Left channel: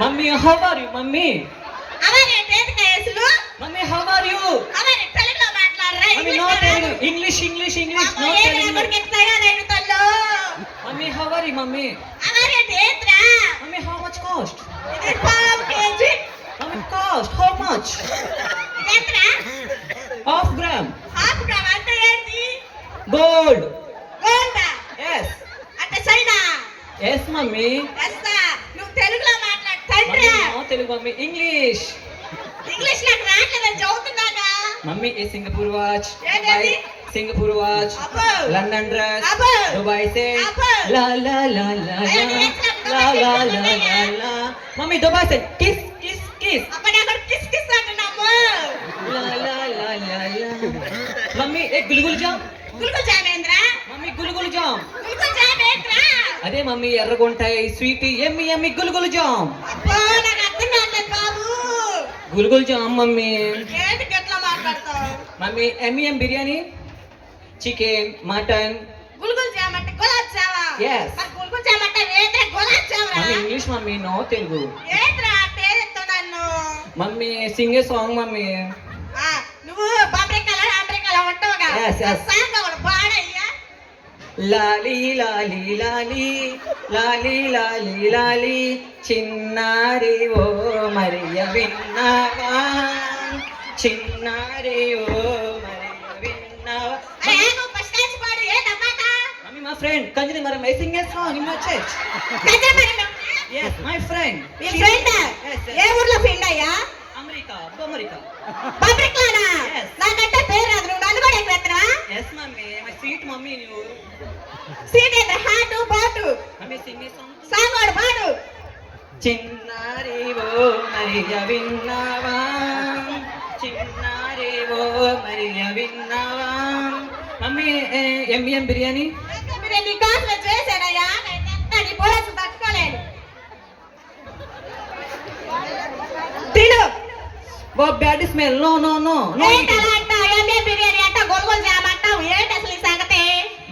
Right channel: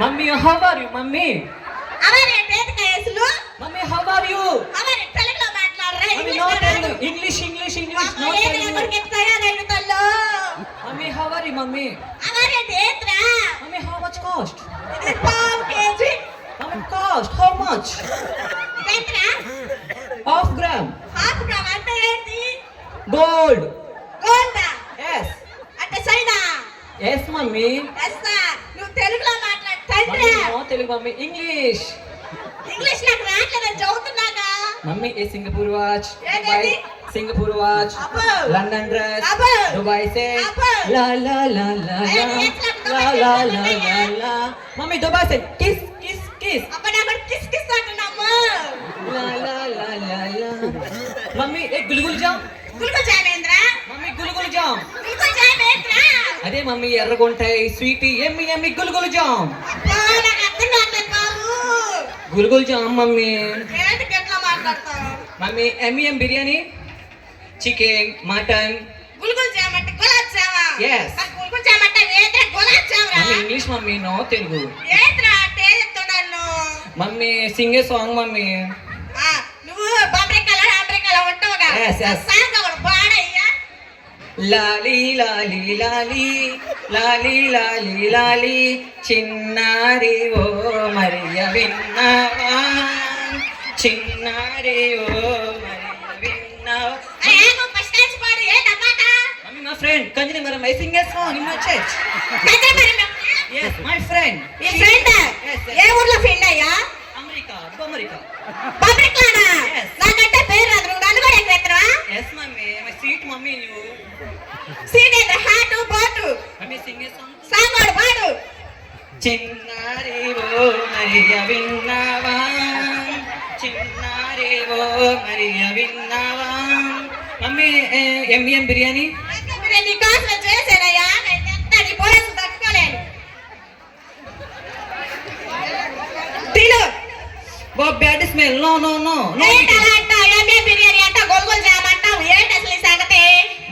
Mummy how are you mummy? అవరే పేదకాయసులు. Mummy how are you? అవరే తెలుగులో మాట్లాడరా? Mummy no Telugu, English no Telugu. Mummy how are you mummy? అవరే దేత్రా. Mummy how much cost? ఇది 5 kg. Mummy cost how much? దేత్రా. Half gram. హాఫ్ గ్రామ్ అంటే ఏంటి? గోల్డ్. గోల్డా? yes అంటే సైనా? yes mummy. yes sir. నువ్వు తెలుగులో మాట్లాడు తండ్రి. Mummy no Telugu mummy, English. English నాకు రాట్లేదని చదువుతున్నాగా. మమ్మీ ఏ సింగపూర్ వాచ్, ఏంటది? సింగపూర్ వాచ్, అబ్బో. లండన్ డ్రెస్, అబ్బో. దుబాయ్ సే అబ్బో. లా లా లా లా అయ్యో, లా ఎట్లా లా లా లా లా లా. మమ్మీ దుబాయ్ సే కిస్ కిస్ కిస్ అప్పుడు అక్కడ కిస్ కిస్ అంటున్నాము. లా లా లా లా లా. మమ్మీ ఏ గుల్గుల్ జామ్. గుల్గుల్ జామేంద్ర. మమ్మీ గుల్గుల్ జామ్. గుల్గుల్ జామేంద్ర. అదే మమ్మీ ఎర్రగుంటాయి స్వీట్ ఎమ్మి ఎమ్మి గుల్గుల్ జామ్. అబ్బో నాకు అర్థం కాలేదు బాబు. గుల్గుల్ జామ్ మమ్మీ. ఏంటి ఎట్లా మాట్లాడతావు? మమ్మీ ఎమ్మిఎం బిర్యానీ, చికెన్, మటన్. గుల్గుల్ జామ్ అంటే గులాబ్ జామా? Yes. మరి గుల్గుల్ జామ్ అంటే ఏంటి గులాబ్ జామా? Mummy English mummy no Telugu. ఏంట్రా అంటే చెప్తున్నాను. Mummy sing a song mummy. నువ్వు అమెరికాలో ఉంటావుగా. Yes, yes. సాంగ్ అవడు పాడయ్యా. లాలి లాలి లాలి లాలి లాలి లాలి చిన్నారి ఓ మరియ విన్నావా, చిన్నారి ఓ మరియ విన్నావా. అరే నువ్వు ఫస్ట్ నుంచి పాడు ఏంటన్నమాట? మమ్మీ మా ఫ్రెండ్ కంజని మరి my Singh a song in my church. yes my friend. ఈ ఫ్రెండ్ ఏ ఊర్లో ఫ్రెండ్ అయ్యా? అమెరికా. పబ్లిక్లోనా? Yes. నాకంటే పేరు రాదు, నువ్వు నన్ను కూడా ఎక్కువ. yes mummy my sweet mummy you. Seat ఏంద్ర hot boat mummy sing a song. Song వాడు పాడు. చిన్నారి ఓ మరియ విన్నావా, చిన్నారి ఓ మరియ విన్నావా. మమ్మీ ఎమ్మిఎం బిర్యానీ. నీ కాసులో చేశానయ్యా, నేను నీ పోలీసు తట్టుకోలేను. తిను. Oh bad smell. No no no no. ఏంటలా అంటావు? ఏమే బిర్యానీ అంట గొలుగులు జామంటావు, ఏంటి అసలు ఈ సంగతి?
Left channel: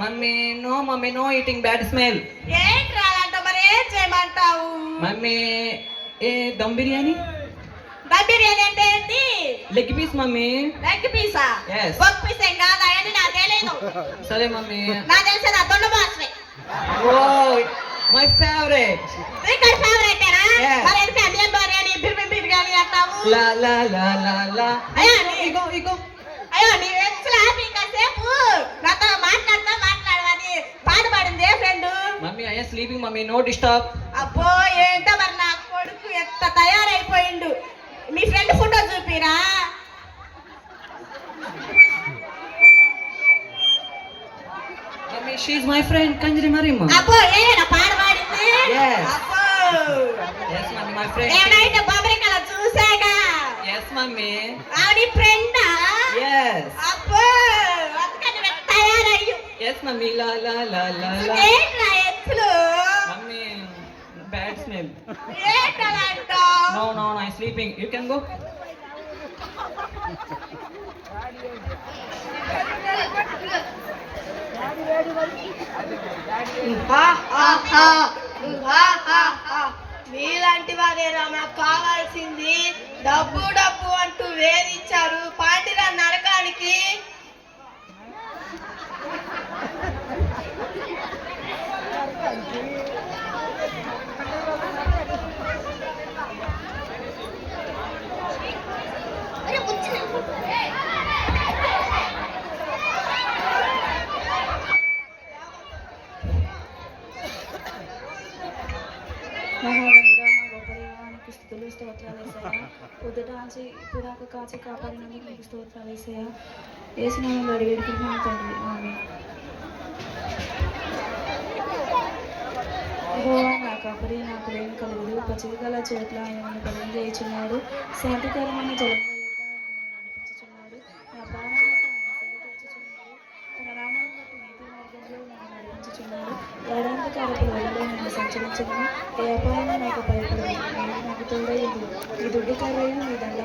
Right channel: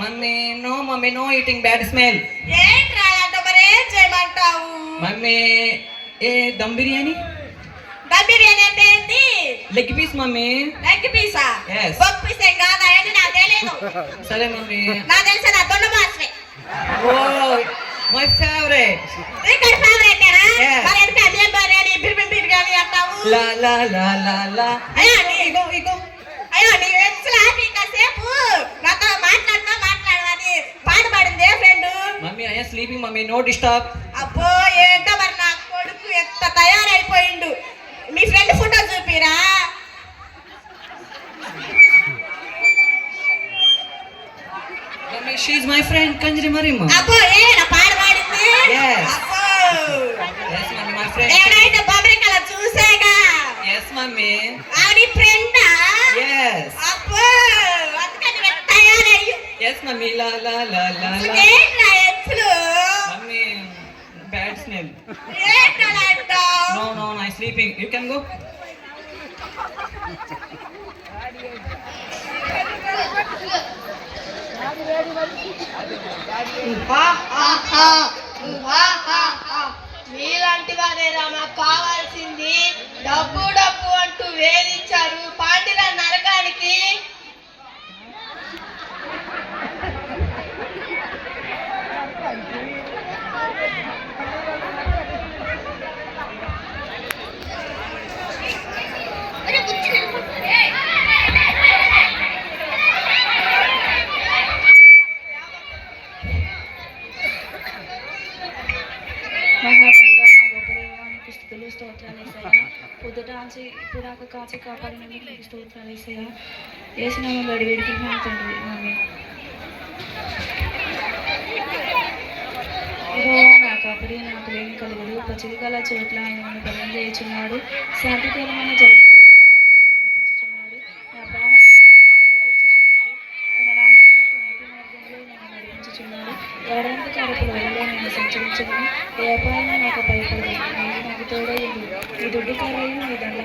Mummy no eating bad smell. ఏంట్రా అలాంటావు? మరి ఏం చేయమంటావు? Mummy a dum biryani. దమ్ బిర్యానీ అంటే ఏంటి? Leg piece mummy. లెగ్ పీసా? Yes. బొక్ పీస్ ఏం కాదా? ఏంటి నాకు తెలియదు. సరే మమ్మీ. నాకు తెలిసి నా దొండ బాస్వే. Oh my favourite. ఇక్కడ ఫేవరెట్ ఏనా? Yes. మరి ఎందుకు అమ్మియం బిర్యానీ బిర్యానీ అంటావు? లా లా లా లా లా. అయ్యో ఇగో నీ ఎక్స్లా కాసేపు నాతో మాట్లాడమని పాడు పాడింది ఏ friend? Mummy I am sleeping mummy, no disturb. అబ్బో ఏంటో మరి నా కొడుకు ఎంత తయారైపోయిండు. మీ ఫ్రెండ్ ఫోటో చూపిరా. Mummy she is my friend Kanjari Mariyamma. అబ్బో ఏనా పాడు పాడింది? Yes. అబ్బో yes మమ్మీ మై ఫ్రెండ్. నేనైతే బొమ్మరికలా చూసాగా. yes mummy. ఆవిడ ఫ్రెండా? yes అబ్బో అందుకని నేను తయారయ్యి. yes మమ్మీ లా లా లా లా లా. ఏంట్రా ఎప్పుడు? Mummy bad smell. ఏంటలా అంటావు? no no no I sleeping, you can go. మీలాంటి వారేరా మాకు కావాల్సింది. డబ్బు డబ్బు అంటూ వేధించారు పాండిరా నరకానికి. స్తోత్రాలు యేసయ్యా. పొద్దుట ఆచి ఇప్పుడాక కాచి కాపాడినందుకు నీకు స్తోత్రాలు యేసయ్యా. యేసు నామములో వేడుకుంటున్నాను తండ్రి, ఆమేన్. యెహోవా నా కాపరి, నాకు లేమి కలుగదు. పచ్చిక గల చోట్ల ఆయన నన్ను బలం చేయుచున్నాడు. శాంతికరమైన జలముల యొద్ద ఆయన నన్ను నడిపించుచున్నాడు. నా ప్రాణములకు ఆయన సేద తీర్చుచున్నాడు. తన నామమును బట్టి నీతి మార్గంలో నన్ను నడిపించుచున్నాడు. ఏడాంతకారపు వెలుగులో నేను సంచరించను. ఏ అపాయము నాకు భయపడదు. నీవు నాకు తోడై ఉండు. నీ దుడ్డు కర్రయు నీ దండ